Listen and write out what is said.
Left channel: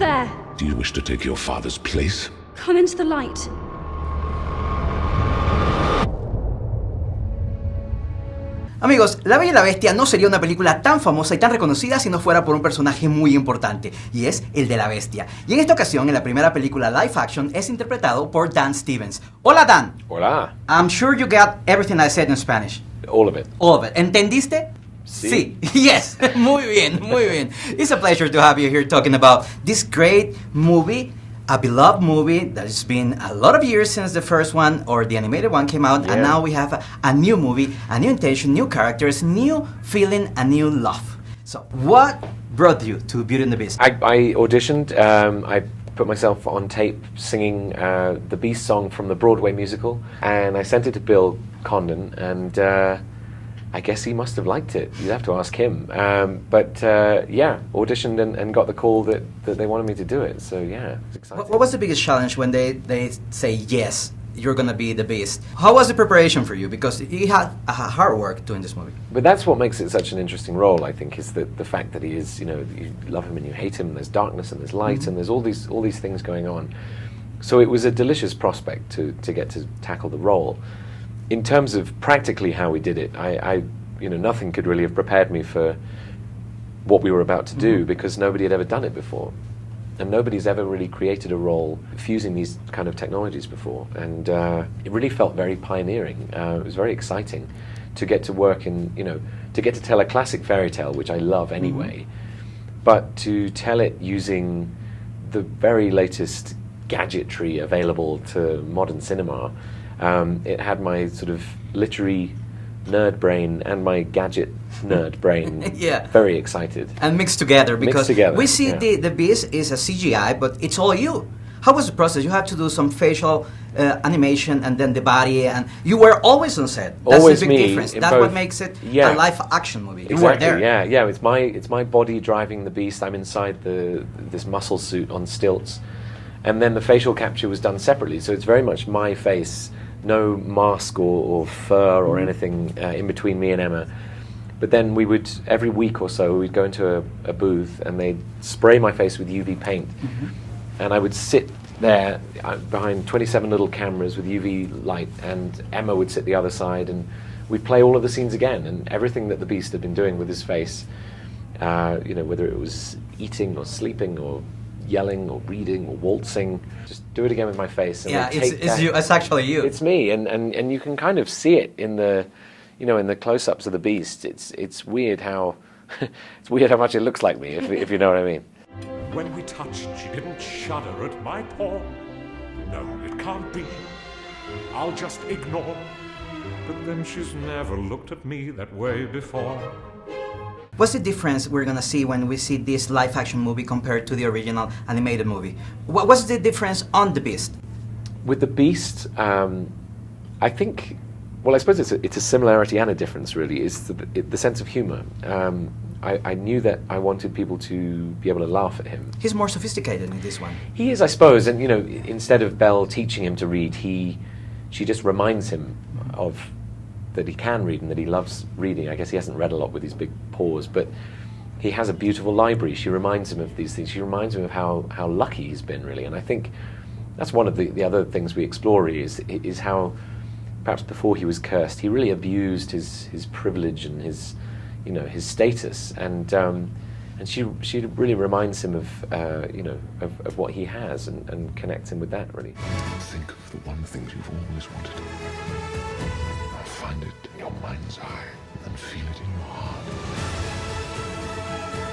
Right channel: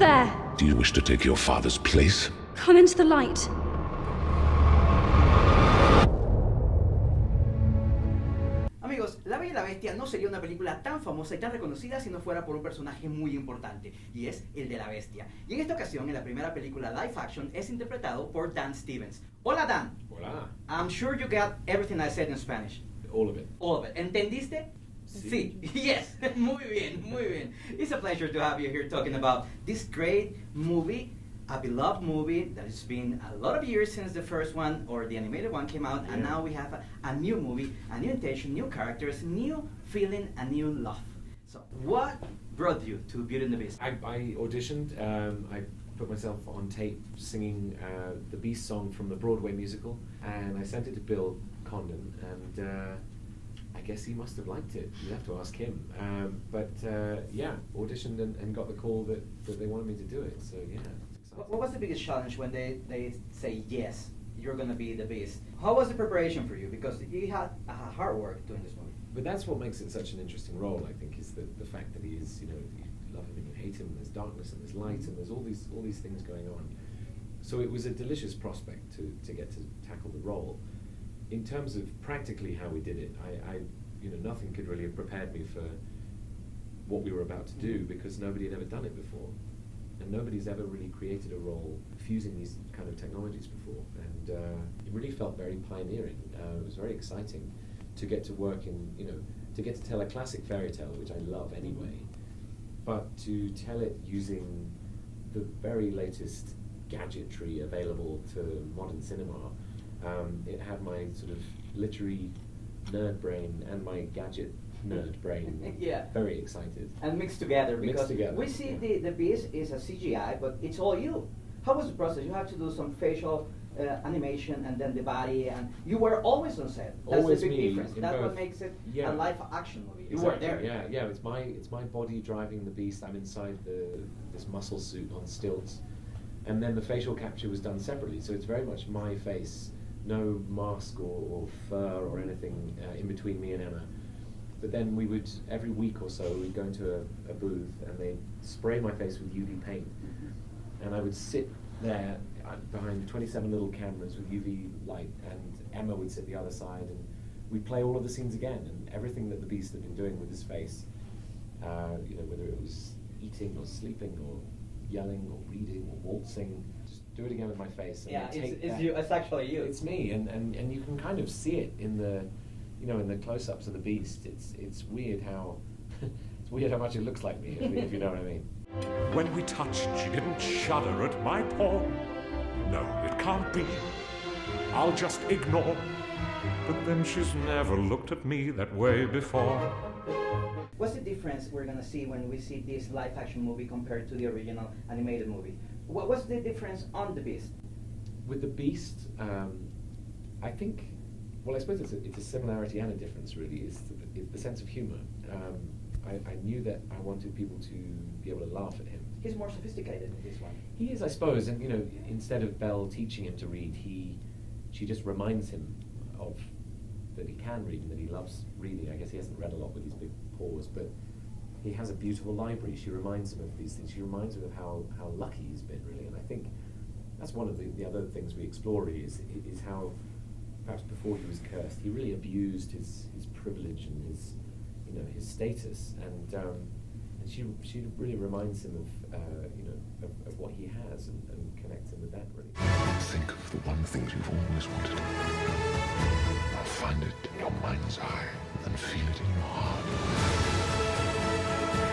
there? Do you wish to take your father's place? Come into the light. Amigos, La Bella y la Bestia no sería una película tan famosa y tan reconocida si no fuera por un personaje muy importante, y es el de la bestia. Y en esta ocasión, en la primera película live action, es interpretado por Dan Stevens. Hola, Dan. Hola. I'm sure you got everything I said in Spanish. All of it. All of it. ¿Entendiste? Sí. Yes. Muy bien, muy bien. It's a pleasure to have you here talking about this great movie, a beloved movie that has been a lot of years since the first one or the animated one came out, and now we have a new movie, a new intention, new characters, new feeling, a new love. So, what brought you to Beauty and the Beast? I auditioned. I put myself on tape singing the Beast song from the Broadway musical, and I sent it to Bill Condon, and I guess he must have liked it. You'd have to ask him. But auditioned and got the call that they wanted me to do it. So yeah, it's exciting. What was the biggest challenge when they say, yes, you're going to be the Beast? How was the preparation for you? Because you had hard work doing this movie. But that's what makes it such an interesting role, I think, is the fact that he is, you love him and you hate him, and there's darkness and there's light, and there's all these things going on. So it was a delicious prospect to get to tackle the role. In terms of practically how we did it, I nothing could really have prepared me for what we were about to do, because nobody had ever done it before. And nobody's ever really created a role fusing these kind of technologies before. And it really felt very pioneering. It was very exciting to get to work in, to get to tell a classic fairy tale, which I love anyway, but to tell it using the very latest gadgetry available to modern cinema. It had my sort of literary nerd brain and my gadget nerd brain very excited. And mixed together, because we see the Beast is a CGI, but it's all you. How was the process? You had to do some facial animation and then the body, and you were always on set. That's always the big me, difference. in That's both. what makes it a live action movie. You Exactly, were there. yeah. It's my body driving the Beast. I'm inside this muscle suit on stilts. And then the facial capture was done separately, so it's very much my face. No mask or fur or anything in between me and Emma. But then we would, every week or so, we'd go into a booth and they'd spray my face with UV paint. And I would sit there behind 27 little cameras with UV light, and Emma would sit the other side, and we'd play all of the scenes again, and everything that the Beast had been doing with his face, whether it was eating or sleeping or yelling or reading or waltzing, just do it again with my face. And it's actually you. It's me, and you can kind of see it in the, in the close-ups of the Beast. It's weird how, it's weird how much it looks like me, if you know what I mean. When we touched, she didn't shudder at my paw. No, it can't be. I'll just ignore. But then she's never looked at me that way before. What's the difference we're gonna see when we see this live-action movie compared to the original animated movie? What's the difference on the Beast? With the Beast, I think, well, I suppose it's a similarity and a difference, really, is the sense of humor. I knew that I wanted people to be able to laugh at him. He's more sophisticated in this one. He is, I suppose, and instead of Belle teaching him to read, she just reminds him of that he can read and that he loves reading. I guess he hasn't read a lot with his big paws, but he has a beautiful library. She reminds him of these things. She reminds him of how lucky he's been, really. And I think that's one of the other things we explore is how, perhaps before he was cursed, he really abused his privilege and his status. And she really reminds him of what he has and connects him with that, really. Think of the one thing you've always wanted. I'll find it in your mind's eye.